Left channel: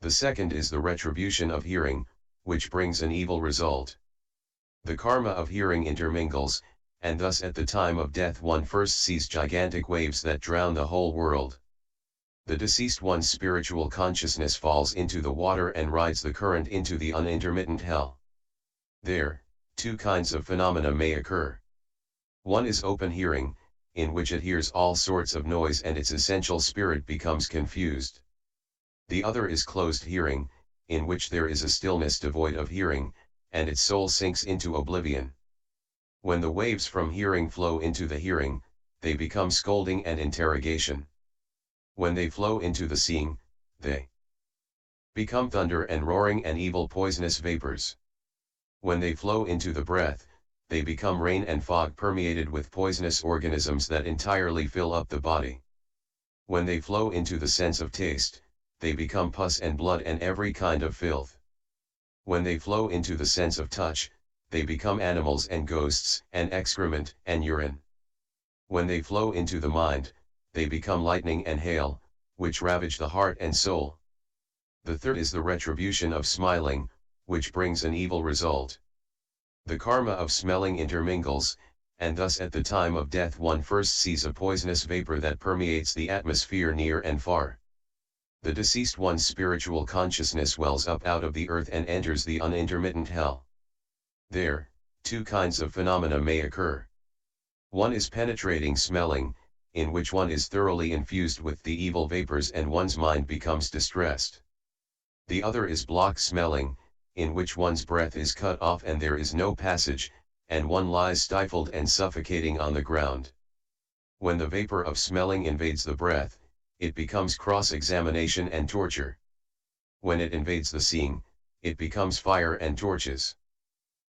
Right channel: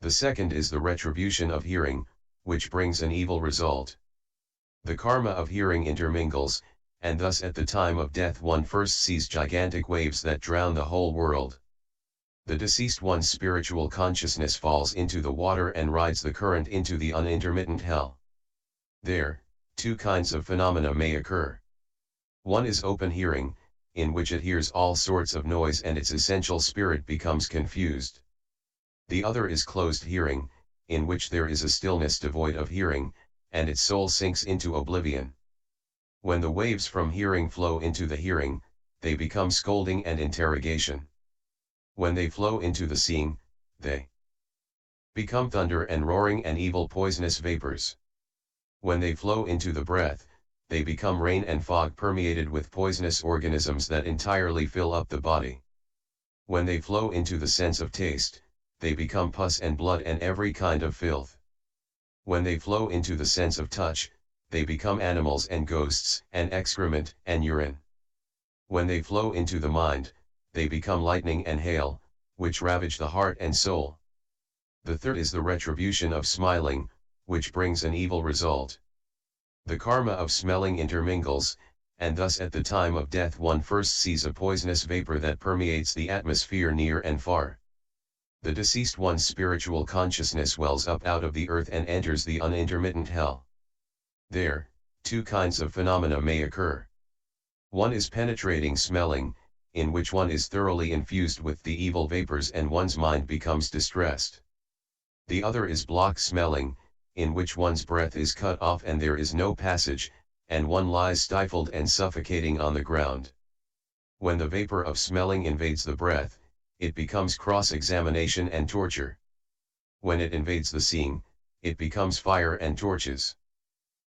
The second is the retribution of hearing, which brings an evil result. The karma of hearing intermingles, and thus at the time of death one first sees gigantic waves that drown the whole world. The deceased one's spiritual consciousness falls into the water and rides the current into the unintermittent hell. There, two kinds of phenomena may occur. One is open hearing, in which it hears all sorts of noise and its essential spirit becomes confused. The other is closed hearing, in which there is a stillness devoid of hearing, and its soul sinks into oblivion. When the waves from hearing flow into the hearing, they become scolding and interrogation. When they flow into the seeing, they become thunder and roaring and evil poisonous vapors. When they flow into the breath, they become rain and fog permeated with poisonous organisms that entirely fill up the body. When they flow into the sense of taste, they become pus and blood and every kind of filth. When they flow into the sense of touch, they become animals and ghosts and excrement and urine. When they flow into the mind, they become lightning and hail, which ravage the heart and soul. The third is the retribution of smiling, which brings an evil result. The karma of smelling intermingles, and thus at the time of death one first sees a poisonous vapor that permeates the atmosphere near and far. The deceased one's spiritual consciousness wells up out of the earth and enters the unintermittent hell. There, two kinds of phenomena may occur. One is penetrating smelling, in which one is thoroughly infused with the evil vapors and one's mind becomes distressed. The other is block smelling, in which one's breath is cut off and there is no passage, and one lies stifled and suffocating on the ground. When the vapor of smelling invades the breath, it becomes cross-examination and torture. When it invades the seeing, it becomes fire and torches.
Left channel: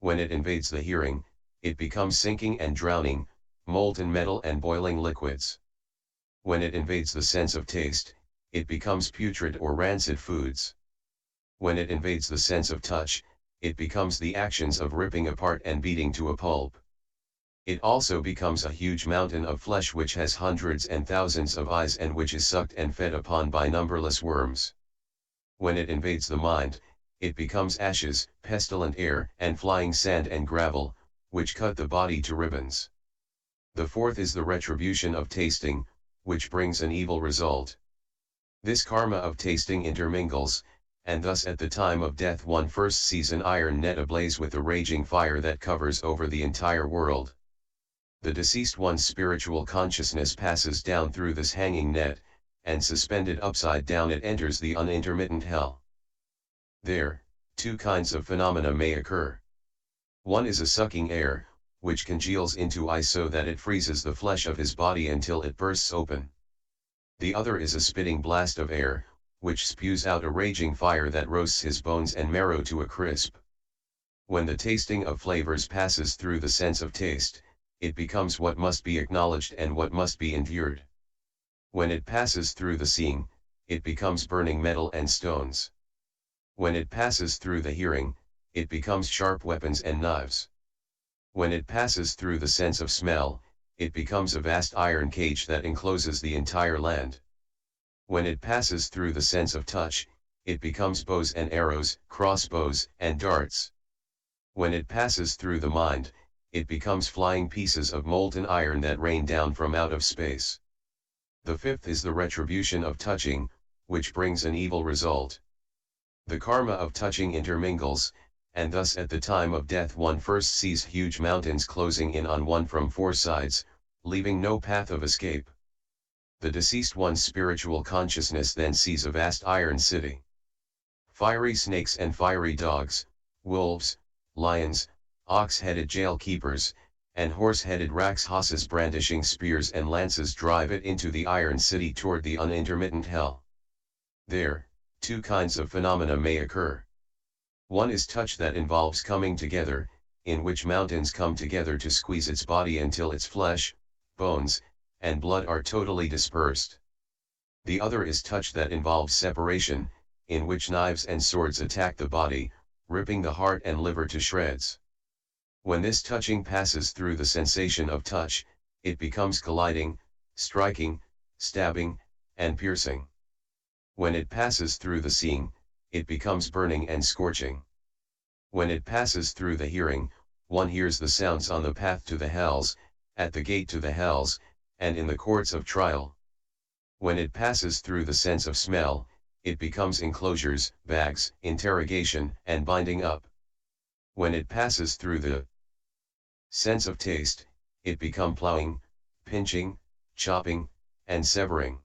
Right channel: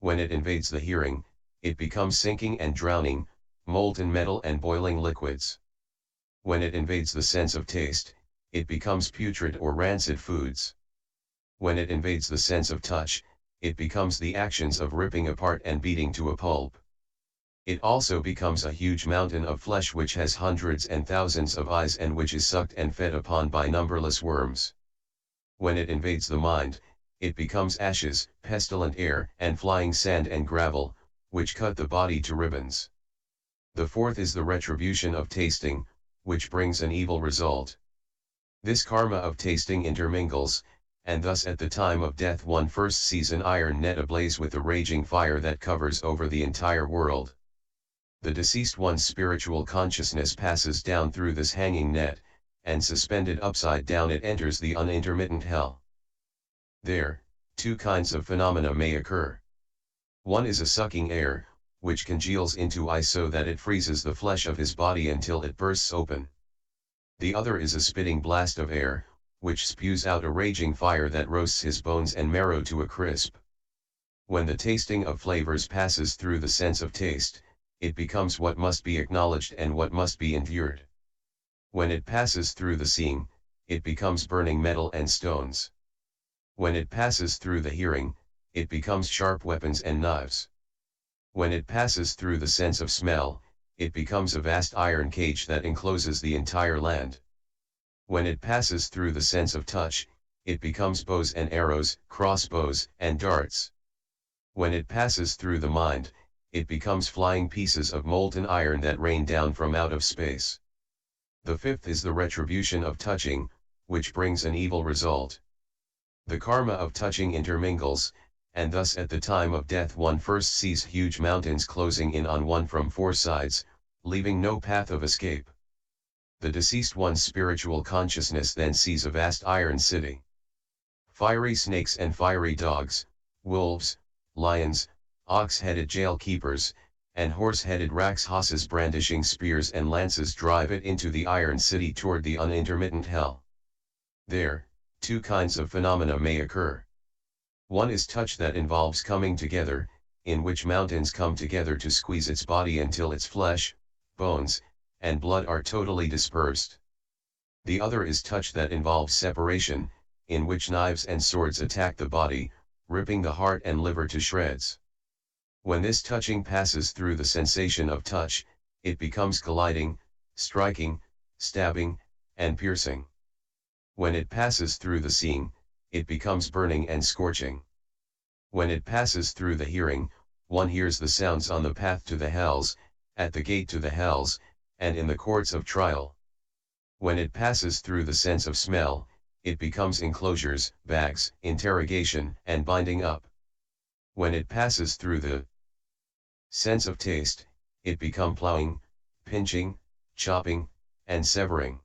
When it invades the hearing, it becomes sinking and drowning, molten metal and boiling liquids. When it invades the sense of taste, it becomes putrid or rancid foods. When it invades the sense of touch, it becomes the actions of ripping apart and beating to a pulp. It also becomes a huge mountain of flesh which has hundreds and thousands of eyes and which is sucked and fed upon by numberless worms. When it invades the mind, it becomes ashes, pestilent air, and flying sand and gravel, which cut the body to ribbons. The fourth is the retribution of tasting, which brings an evil result. This karma of tasting intermingles, and thus at the time of death one first sees an iron net ablaze with a raging fire that covers over the entire world. The deceased one's spiritual consciousness passes down through this hanging net, and suspended upside down it enters the unintermittent hell. There, two kinds of phenomena may occur. One is a sucking air, which congeals into ice so that it freezes the flesh of his body until it bursts open. The other is a spitting blast of air, which spews out a raging fire that roasts his bones and marrow to a crisp. When the tasting of flavors passes through the sense of taste, it becomes what must be acknowledged and what must be endured. When it passes through the seeing, it becomes burning metal and stones. When it passes through the hearing, it becomes sharp weapons and knives. When it passes through the sense of smell, it becomes a vast iron cage that encloses the entire land. When it passes through the sense of touch, it becomes bows and arrows, crossbows, and darts. When it passes through the mind, it becomes flying pieces of molten iron that rain down from out of space. The fifth is the retribution of touching, which brings an evil result. The karma of touching intermingles, and thus at the time of death one first sees huge mountains closing in on one from four sides, leaving no path of escape. The deceased one's spiritual consciousness then sees a vast iron city. Fiery snakes and fiery dogs, wolves, lions, ox-headed jail keepers, and horse-headed Rakshasas brandishing spears and lances drive it into the iron city toward the unintermittent hell. There, two kinds of phenomena may occur. One is touch that involves coming together, in which mountains come together to squeeze its body until its flesh, bones, and blood are totally dispersed. The other is touch that involves separation, in which knives and swords attack the body, ripping the heart and liver to shreds. When this touching passes through the sensation of touch, it becomes colliding, striking, stabbing, and piercing. When it passes through the seeing, it becomes burning and scorching. When it passes through the hearing, one hears the sounds on the path to the hells, at the gate to the hells, and in the courts of trial. When it passes through the sense of smell, it becomes enclosures, bags, interrogation, and binding up. When it passes through the sense of taste, it becomes plowing, pinching, chopping, and severing.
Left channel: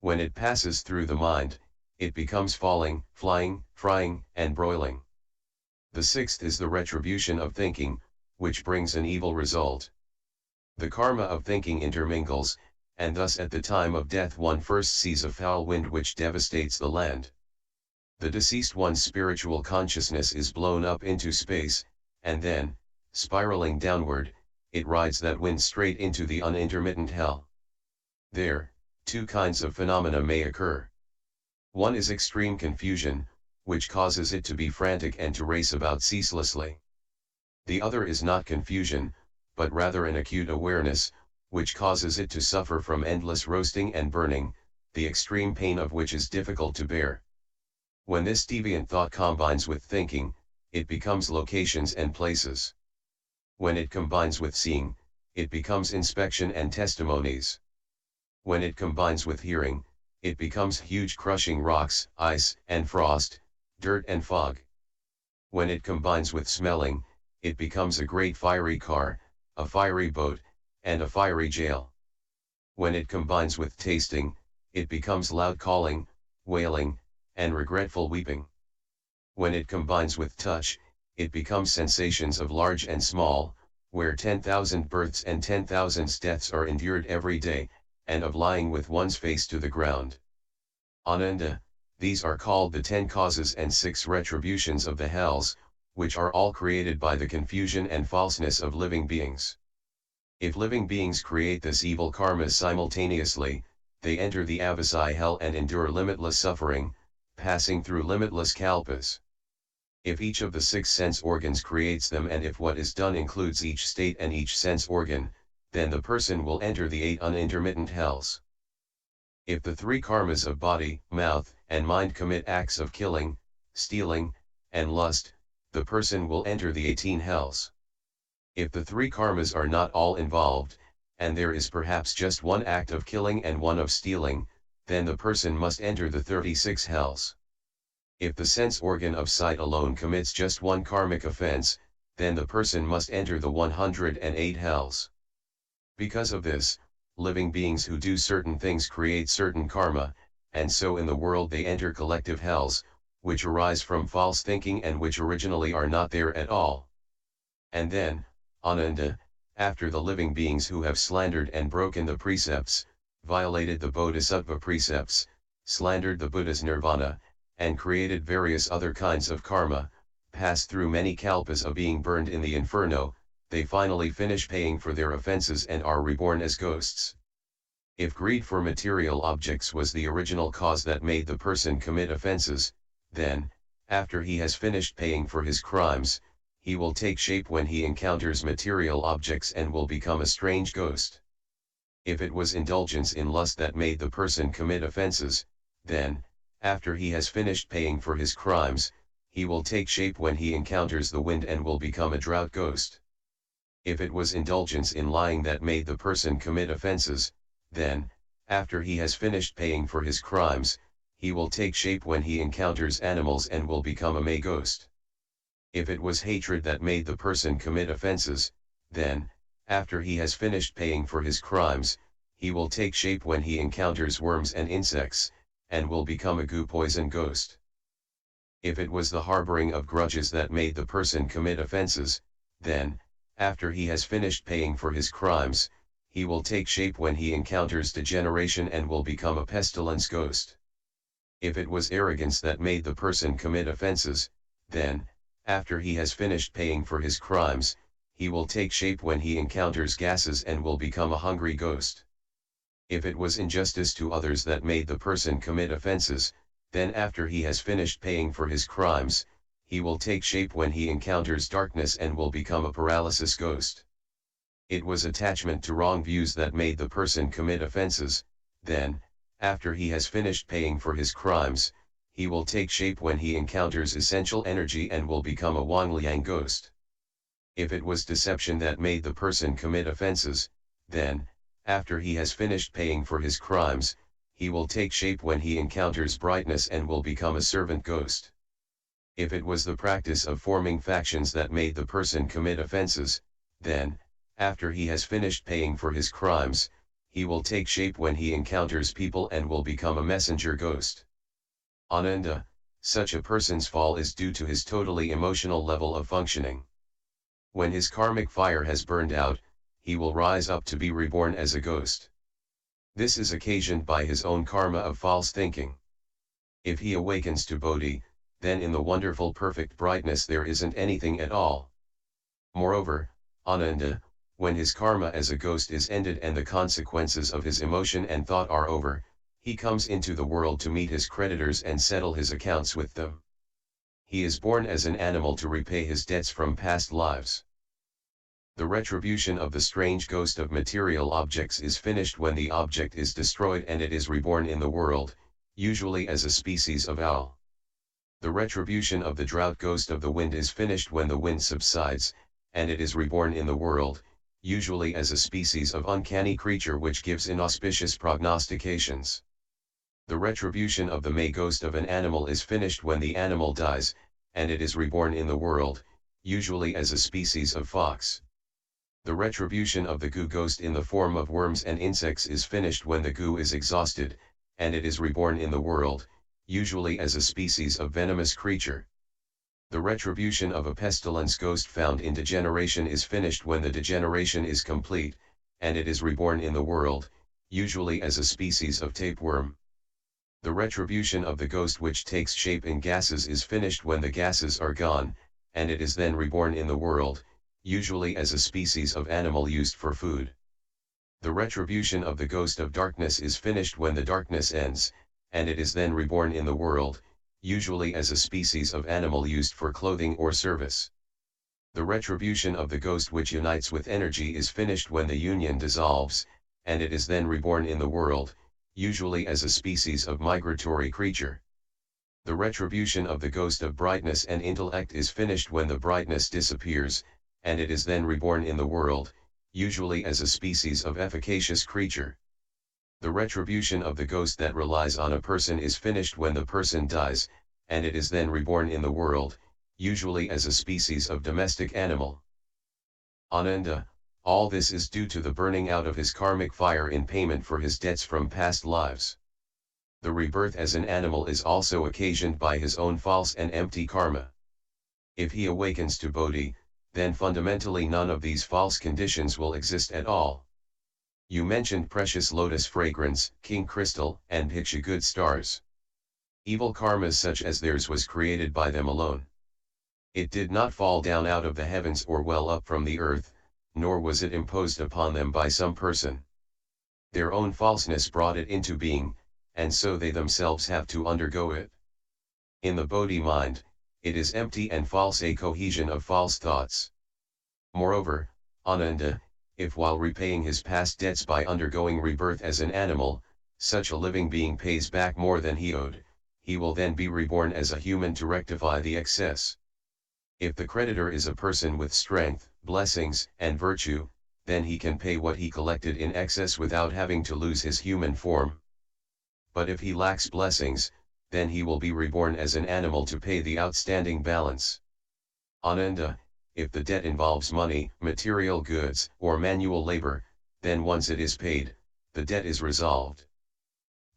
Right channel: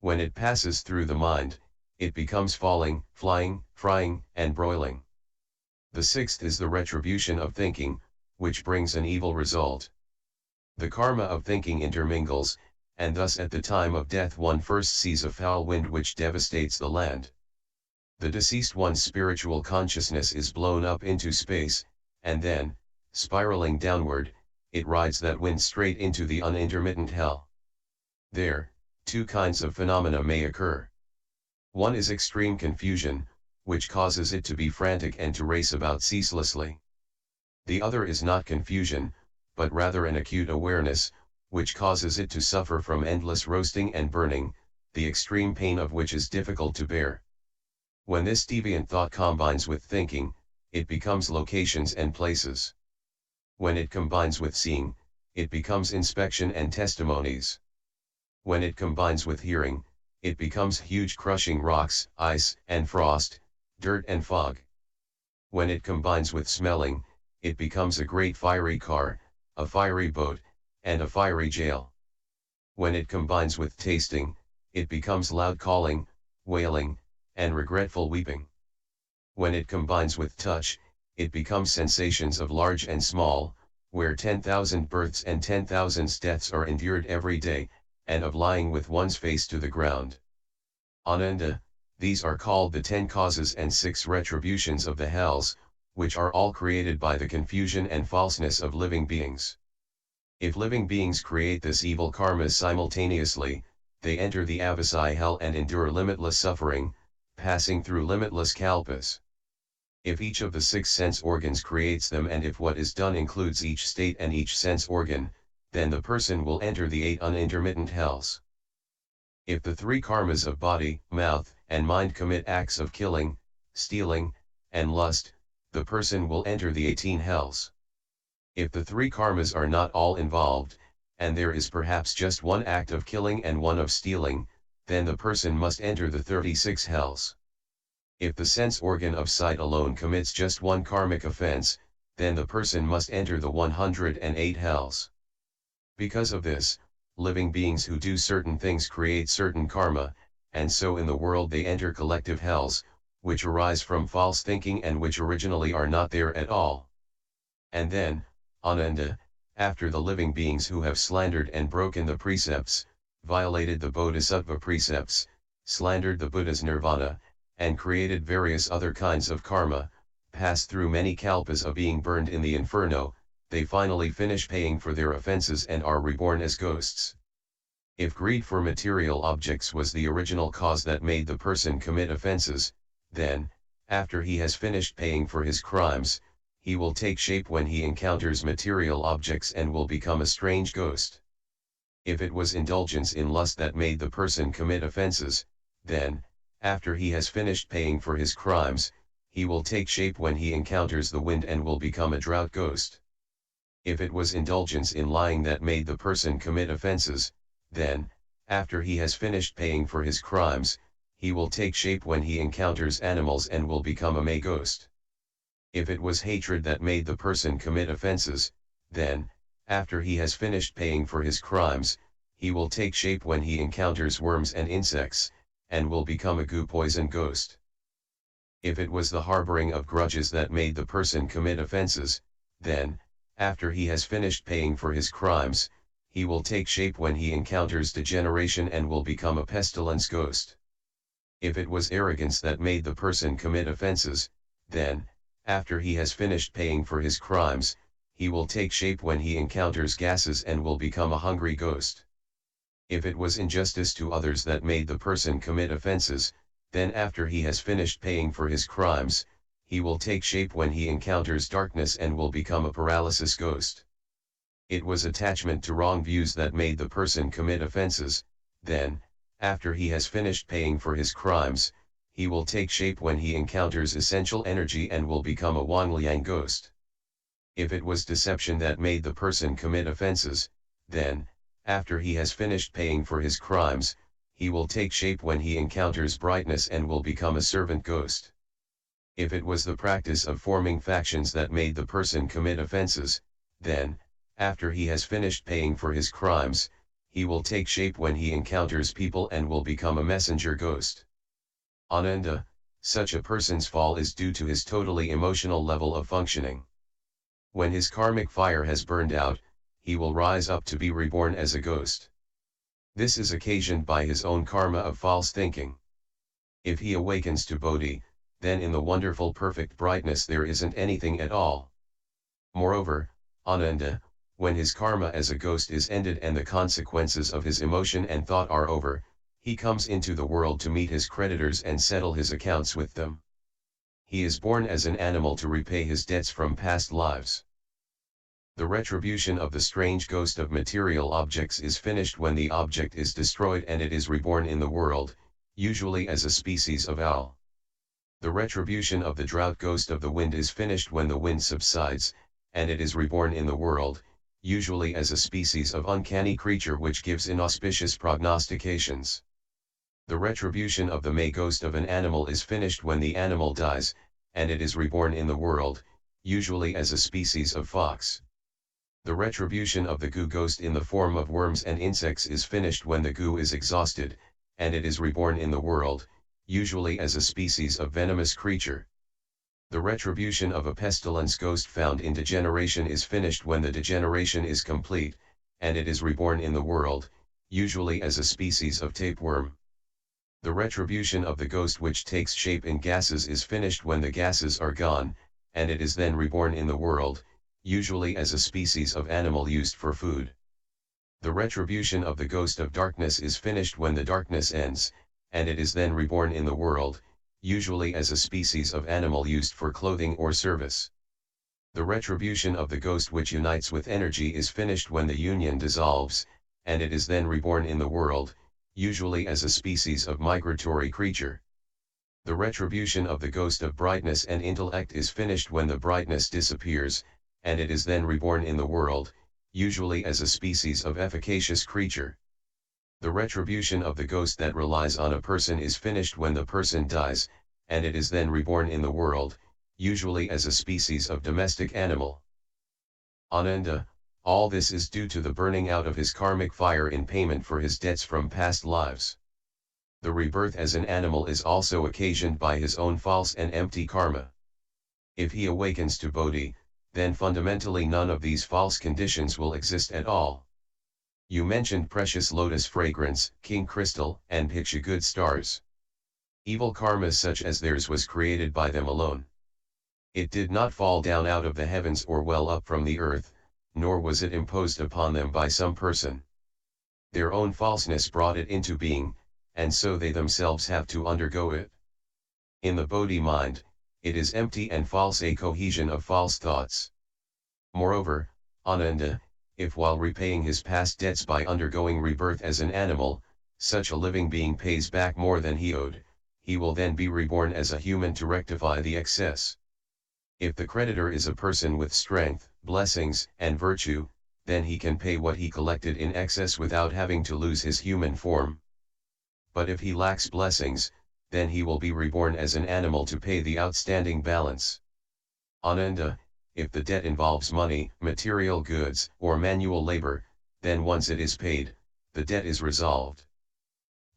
When it passes through the mind, it becomes falling, flying, frying, and broiling. The sixth is the retribution of thinking, which brings an evil result. The karma of thinking intermingles, and thus at the time of death one first sees a foul wind which devastates the land. The deceased one's spiritual consciousness is blown up into space, and then, spiraling downward, it rides that wind straight into the unintermittent hell. There, two kinds of phenomena may occur. One is extreme confusion, which causes it to be frantic and to race about ceaselessly. The other is not confusion, but rather an acute awareness, which causes it to suffer from endless roasting and burning, the extreme pain of which is difficult to bear. When this deviant thought combines with thinking, it becomes locations and places. When it combines with seeing, it becomes inspection and testimonies. When it combines with hearing, it becomes huge crushing rocks, ice and frost, dirt and fog. When it combines with smelling, it becomes a great fiery car, a fiery boat, and a fiery jail. When it combines with tasting, it becomes loud calling, wailing, and regretful weeping. When it combines with touch, it becomes sensations of large and small, where 10,000 births and 10,000 deaths are endured every day, and of lying with one's face to the ground. Ananda, these are called the 10 causes and 6 retributions of the hells, which are all created by the confusion and falseness of living beings. If living beings create this evil karma simultaneously, they enter the avasai hell and endure limitless suffering, passing through limitless kalpas. If each of the 6 sense organs creates them and if what is done includes each state and each sense organ, then the person will enter the 8 unintermittent hells. If the 3 karmas of body, mouth, and mind commit acts of killing, stealing, and lust, the person will enter the 18 hells. If the 3 karmas are not all involved, and there is perhaps just one act of killing and one of stealing, then the person must enter the 36 hells. If the sense organ of sight alone commits just one karmic offense, then the person must enter the 108 hells. Because of this, living beings who do certain things create certain karma, and so in the world they enter collective hells, which arise from false thinking and which originally are not there at all. And then, Ananda, after the living beings who have slandered and broken the precepts, violated the Bodhisattva precepts, slandered the Buddha's Nirvana, and created various other kinds of karma, pass through many kalpas of being burned in the inferno, they finally finish paying for their offenses and are reborn as ghosts. If greed for material objects was the original cause that made the person commit offenses, then, after he has finished paying for his crimes, he will take shape when he encounters material objects and will become a strange ghost. If it was indulgence in lust that made the person commit offenses, then, after he has finished paying for his crimes, he will take shape when he encounters the wind and will become a drought ghost. If it was indulgence in lying that made the person commit offenses, then, after he has finished paying for his crimes, he will take shape when he encounters animals and will become a May ghost. If it was hatred that made the person commit offenses, then, after he has finished paying for his crimes, he will take shape when he encounters worms and insects, and will become a goo poison ghost. If it was the harboring of grudges that made the person commit offenses, then, after he has finished paying for his crimes, he will take shape when he encounters degeneration and will become a pestilence ghost. If it was arrogance that made the person commit offenses, then, after he has finished paying for his crimes, he will take shape when he encounters gases and will become a hungry ghost. If it was injustice to others that made the person commit offenses, then after he has finished paying for his crimes, he will take shape when he encounters darkness and will become a paralysis ghost. It was attachment to wrong views that made the person commit offenses, then, after he has finished paying for his crimes, he will take shape when he encounters essential energy and will become a Wangliang ghost. If it was deception that made the person commit offenses, then, after he has finished paying for his crimes, he will take shape when he encounters brightness and will become a servant ghost. If it was the practice of forming factions that made the person commit offenses, then, after he has finished paying for his crimes, he will take shape when he encounters people and will become a messenger ghost. Ananda, such a person's fall is due to his totally emotional level of functioning. When his karmic fire has burned out, he will rise up to be reborn as a ghost. This is occasioned by his own karma of false thinking. If he awakens to Bodhi, then in the wonderful perfect brightness there isn't anything at all. Moreover, Ananda, when his karma as a ghost is ended and the consequences of his emotion and thought are over, he comes into the world to meet his creditors and settle his accounts with them. He is born as an animal to repay his debts from past lives. The retribution of the strange ghost of material objects is finished when the object is destroyed and it is reborn in the world, usually as a species of owl. The retribution of the drought ghost of the wind is finished when the wind subsides, and it is reborn in the world, usually as a species of uncanny creature which gives inauspicious prognostications. The retribution of the May ghost of an animal is finished when the animal dies, and it is reborn in the world, usually as a species of fox. The retribution of the goo ghost in the form of worms and insects is finished when the goo is exhausted, and it is reborn in the world, usually as a species of venomous creature. The retribution of a pestilence ghost found in degeneration is finished when the degeneration is complete, and it is reborn in the world, usually as a species of tapeworm. The retribution of the ghost which takes shape in gases is finished when the gases are gone, and it is then reborn in the world, usually as a species of animal used for food. The retribution of the ghost of darkness is finished when the darkness ends, and it is then reborn in the world, usually as a species of animal used for clothing or service. The retribution of the ghost which unites with energy is finished when the union dissolves, and it is then reborn in the world, usually as a species of migratory creature. The retribution of the ghost of brightness and intellect is finished when the brightness disappears, and it is then reborn in the world, usually as a species of efficacious creature. The retribution of the ghost that relies on a person is finished when the person dies, and it is then reborn in the world, usually as a species of domestic animal. Ananda, all this is due to the burning out of his karmic fire in payment for his debts from past lives. The rebirth as an animal is also occasioned by his own false and empty karma. If he awakens to Bodhi, then fundamentally none of these false conditions will exist at all. You mentioned precious lotus fragrance, king crystal, and Bhiksha good stars. Evil karma such as theirs was created by them alone. It did not fall down out of the heavens or well up from the earth, nor was it imposed upon them by some person. Their own falseness brought it into being, and so they themselves have to undergo it. In the Bodhi mind, it is empty and false, a cohesion of false thoughts. Moreover, Ananda, if while repaying his past debts by undergoing rebirth as an animal, such a living being pays back more than he owed, he will then be reborn as a human to rectify the excess. If the creditor is a person with strength, blessings, and virtue, then he can pay what he collected in excess without having to lose his human form. But if he lacks blessings, then he will be reborn as an animal to pay the outstanding balance. Ananda, if the debt involves money, material goods, or manual labor, then once it is paid, the debt is resolved.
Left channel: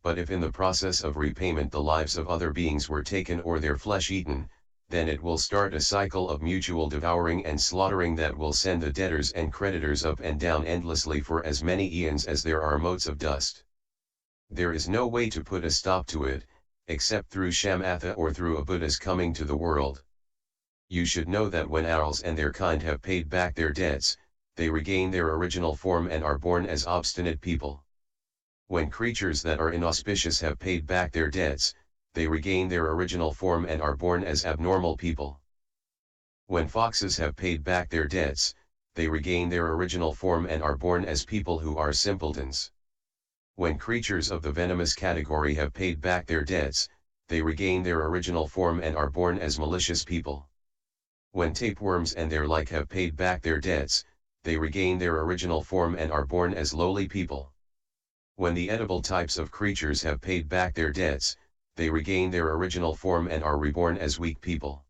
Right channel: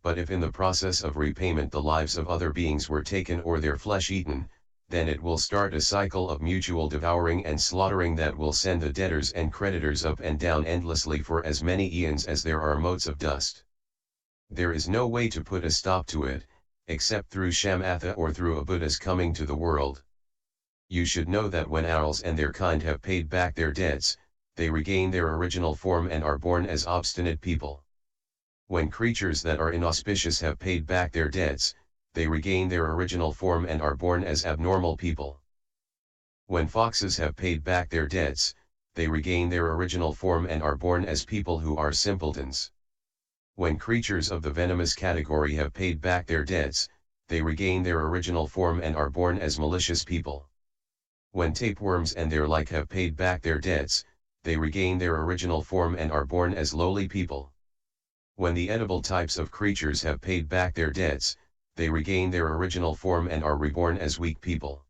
But if in the process of repayment the lives of other beings were taken or their flesh eaten, then it will start a cycle of mutual devouring and slaughtering that will send the debtors and creditors up and down endlessly for as many eons as there are motes of dust. There is no way to put a stop to it, except through Shamatha or through a Buddha's coming to the world. You should know that when owls and their kind have paid back their debts, they regain their original form and are born as obstinate people. When creatures that are inauspicious have paid back their debts, they regain their original form and are born as abnormal people. When foxes have paid back their debts, they regain their original form and are born as people who are simpletons. When creatures of the venomous category have paid back their debts, they regain their original form and are born as malicious people. When tapeworms and their like have paid back their debts, they regain their original form and are born as lowly people. When the edible types of creatures have paid back their debts, they regain their original form and are reborn as weak people.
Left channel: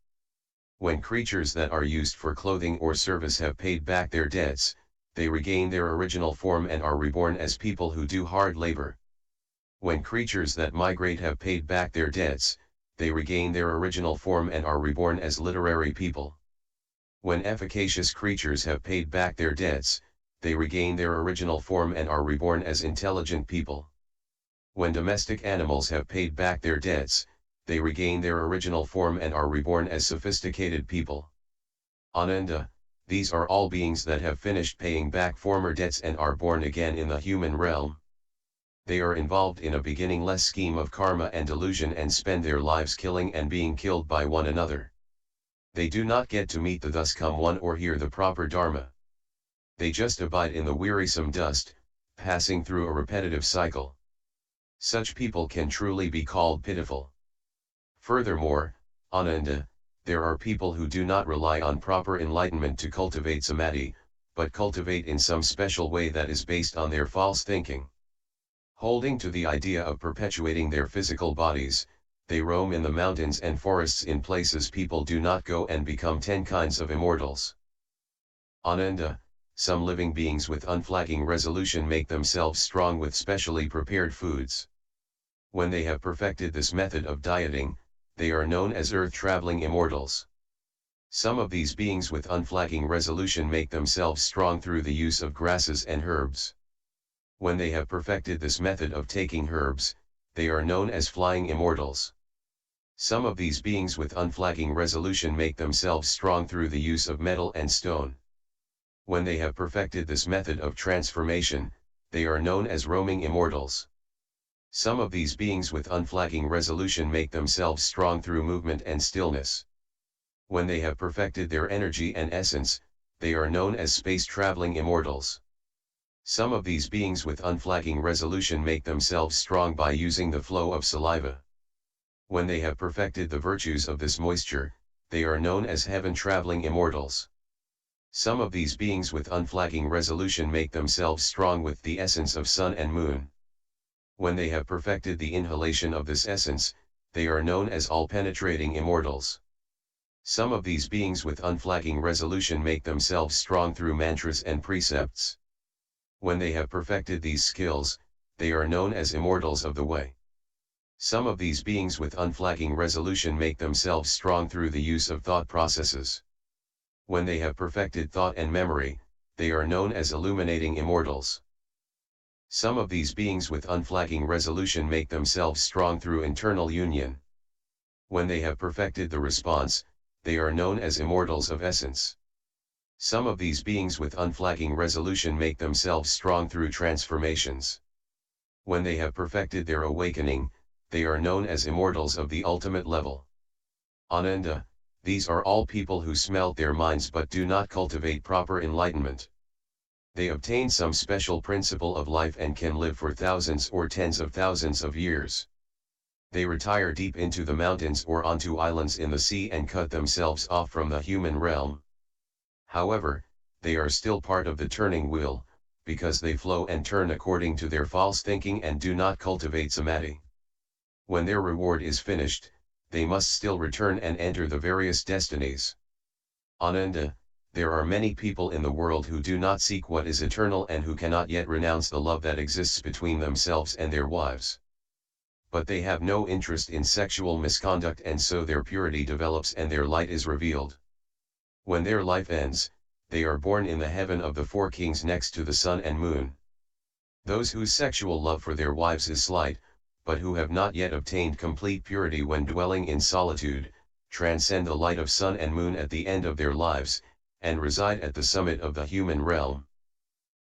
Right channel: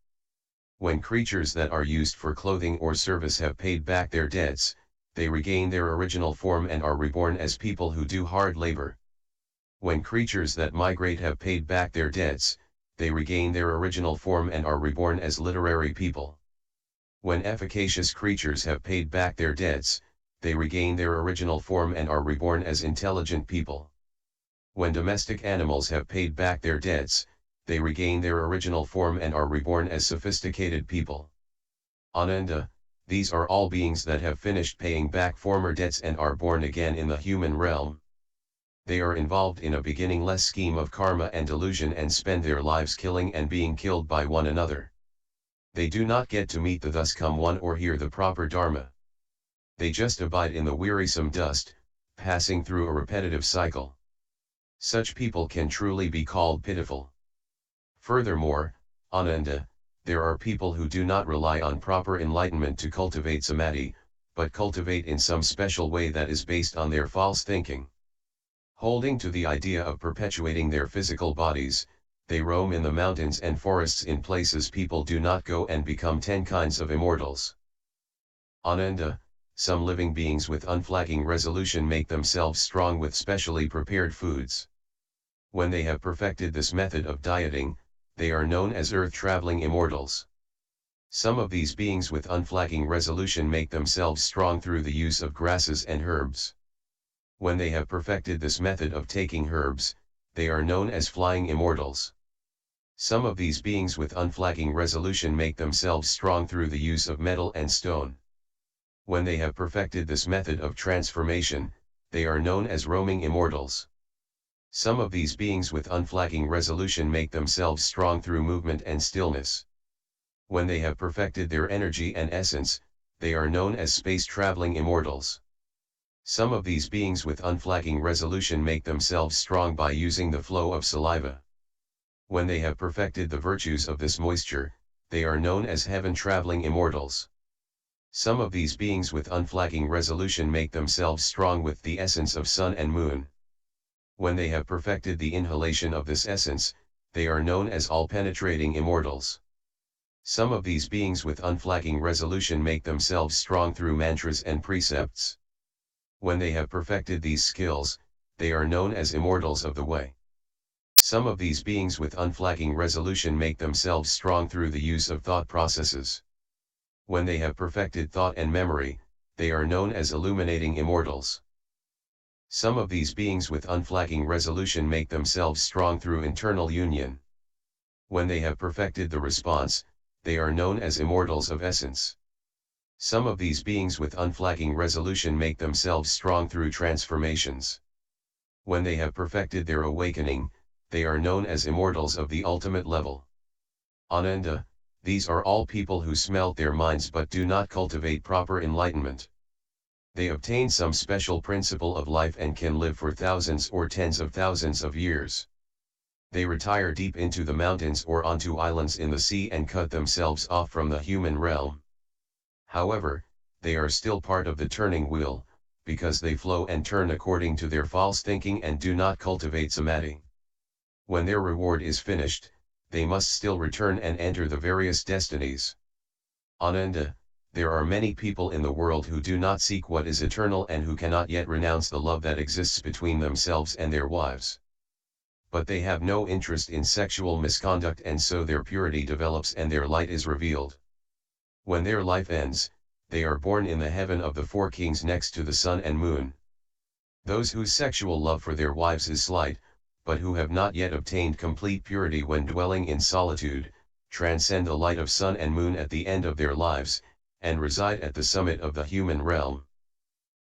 When creatures that are used for clothing or service have paid back their debts, they regain their original form and are reborn as people who do hard labor. When creatures that migrate have paid back their debts, they regain their original form and are reborn as literary people. When efficacious creatures have paid back their debts, they regain their original form and are reborn as intelligent people. When domestic animals have paid back their debts, they regain their original form and are reborn as sophisticated people. Ananda, these are all beings that have finished paying back former debts and are born again in the human realm. They are involved in a beginningless scheme of karma and delusion and spend their lives killing and being killed by one another. They do not get to meet the thus come one or hear the proper Dharma. They just abide in the wearisome dust, passing through a repetitive cycle. Such people can truly be called pitiful. Furthermore, Ananda, there are people who do not rely on proper enlightenment to cultivate samadhi, but cultivate in some special way that is based on their false thinking. Holding to the idea of perpetuating their physical bodies, they roam in the mountains and forests in places people do not go and become 10 kinds of immortals. Ananda, some living beings with unflagging resolution make themselves strong with specially prepared foods. When they have perfected this method of dieting, they are known as earth-traveling immortals. Some of these beings with unflagging resolution make themselves strong through the use of grasses and herbs. When they have perfected this method of taking herbs, they are known as flying immortals. Some of these beings with unflagging resolution make themselves strong through the use of metal and stone. When they have perfected this method of transformation, they are known as roaming immortals. Some of these beings with unflagging resolution make themselves strong through movement and stillness. When they have perfected their energy and essence, they are known as space-traveling immortals. Some of these beings with unflagging resolution make themselves strong by using the flow of saliva. When they have perfected the virtues of this moisture, they are known as heaven-traveling immortals. Some of these beings with unflagging resolution make themselves strong with the essence of sun and moon. When they have perfected the inhalation of this essence, they are known as all-penetrating immortals. Some of these beings with unflagging resolution make themselves strong through mantras and precepts. When they have perfected these skills, they are known as immortals of the way. Some of these beings with unflagging resolution make themselves strong through the use of thought processes. When they have perfected thought and memory, they are known as illuminating immortals. Some of these beings with unflagging resolution make themselves strong through internal union. When they have perfected the response, they are known as immortals of essence. Some of these beings with unflagging resolution make themselves strong through transformations. When they have perfected their awakening, they are known as immortals of the ultimate level. Ananda, these are all people who smelt their minds but do not cultivate proper enlightenment. They obtain some special principle of life and can live for thousands or tens of thousands of years. They retire deep into the mountains or onto islands in the sea and cut themselves off from the human realm. However, they are still part of the turning wheel, because they flow and turn according to their false thinking and do not cultivate samadhi. When their reward is finished, they must still return and enter the various destinies. Ananda, there are many people in the world who do not seek what is eternal and who cannot yet renounce the love that exists between themselves and their wives. But they have no interest in sexual misconduct and so their purity develops and their light is revealed. When their life ends, they are born in the heaven of the 4 kings next to the sun and moon. Those whose sexual love for their wives is slight, but who have not yet obtained complete purity when dwelling in solitude, transcend the light of sun and moon at the end of their lives, and reside at the summit of the human realm.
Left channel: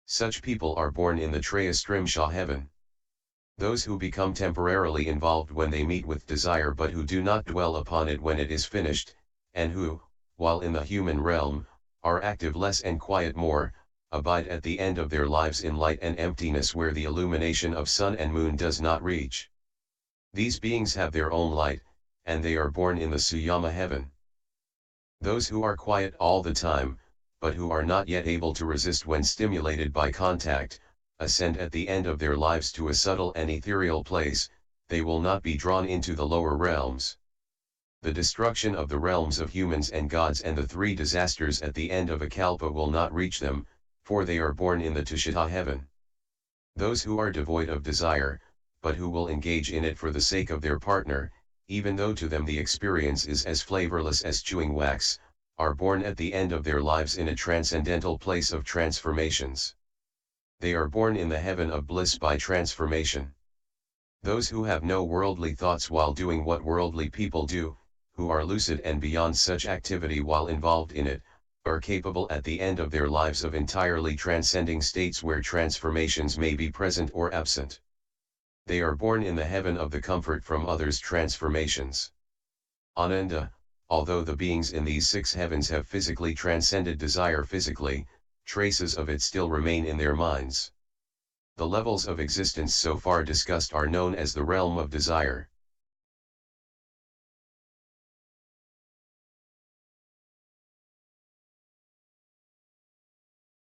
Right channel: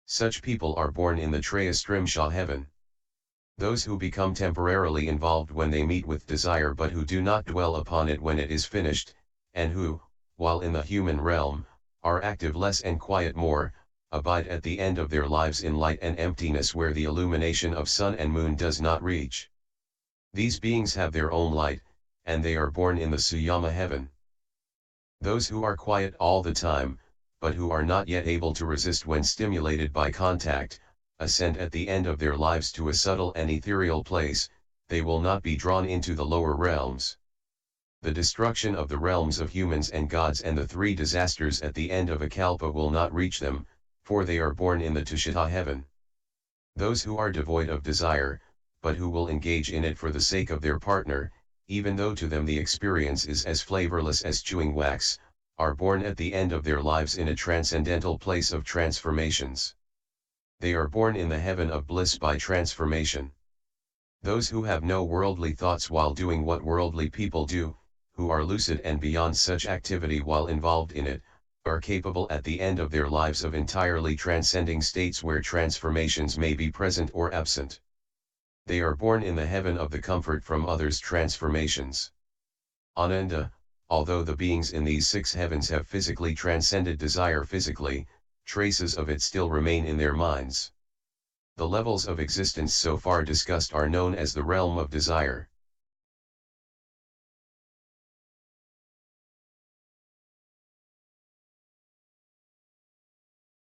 Such people are born in the Trayastrimsha heaven. Those who become temporarily involved when they meet with desire but who do not dwell upon it when it is finished, and who, while in the human realm, are active less and quiet more, abide at the end of their lives in light and emptiness where the illumination of sun and moon does not reach. These beings have their own light, and they are born in the Suyama heaven. Those who are quiet all the time, but who are not yet able to resist when stimulated by contact, ascend at the end of their lives to a subtle and ethereal place. They will not be drawn into the lower realms. The destruction of the realms of humans and gods and the three disasters at the end of a kalpa will not reach them, for they are born in the Tushita heaven. Those who are devoid of desire, but who will engage in it for the sake of their partner, even though to them the experience is as flavorless as chewing wax, are born at the end of their lives in a transcendental place of transformations. They are born in the heaven of bliss by transformation. Those who have no worldly thoughts while doing what worldly people do, who are lucid and beyond such activity while involved in it, are capable at the end of their lives of entirely transcending states where transformations may be present or absent. They are born in the heaven of the comfort from others' transformations. Ananda, although the beings in these 6 heavens have physically transcended desire physically, traces of it still remain in their minds. The levels of existence so far discussed are known as the realm of desire.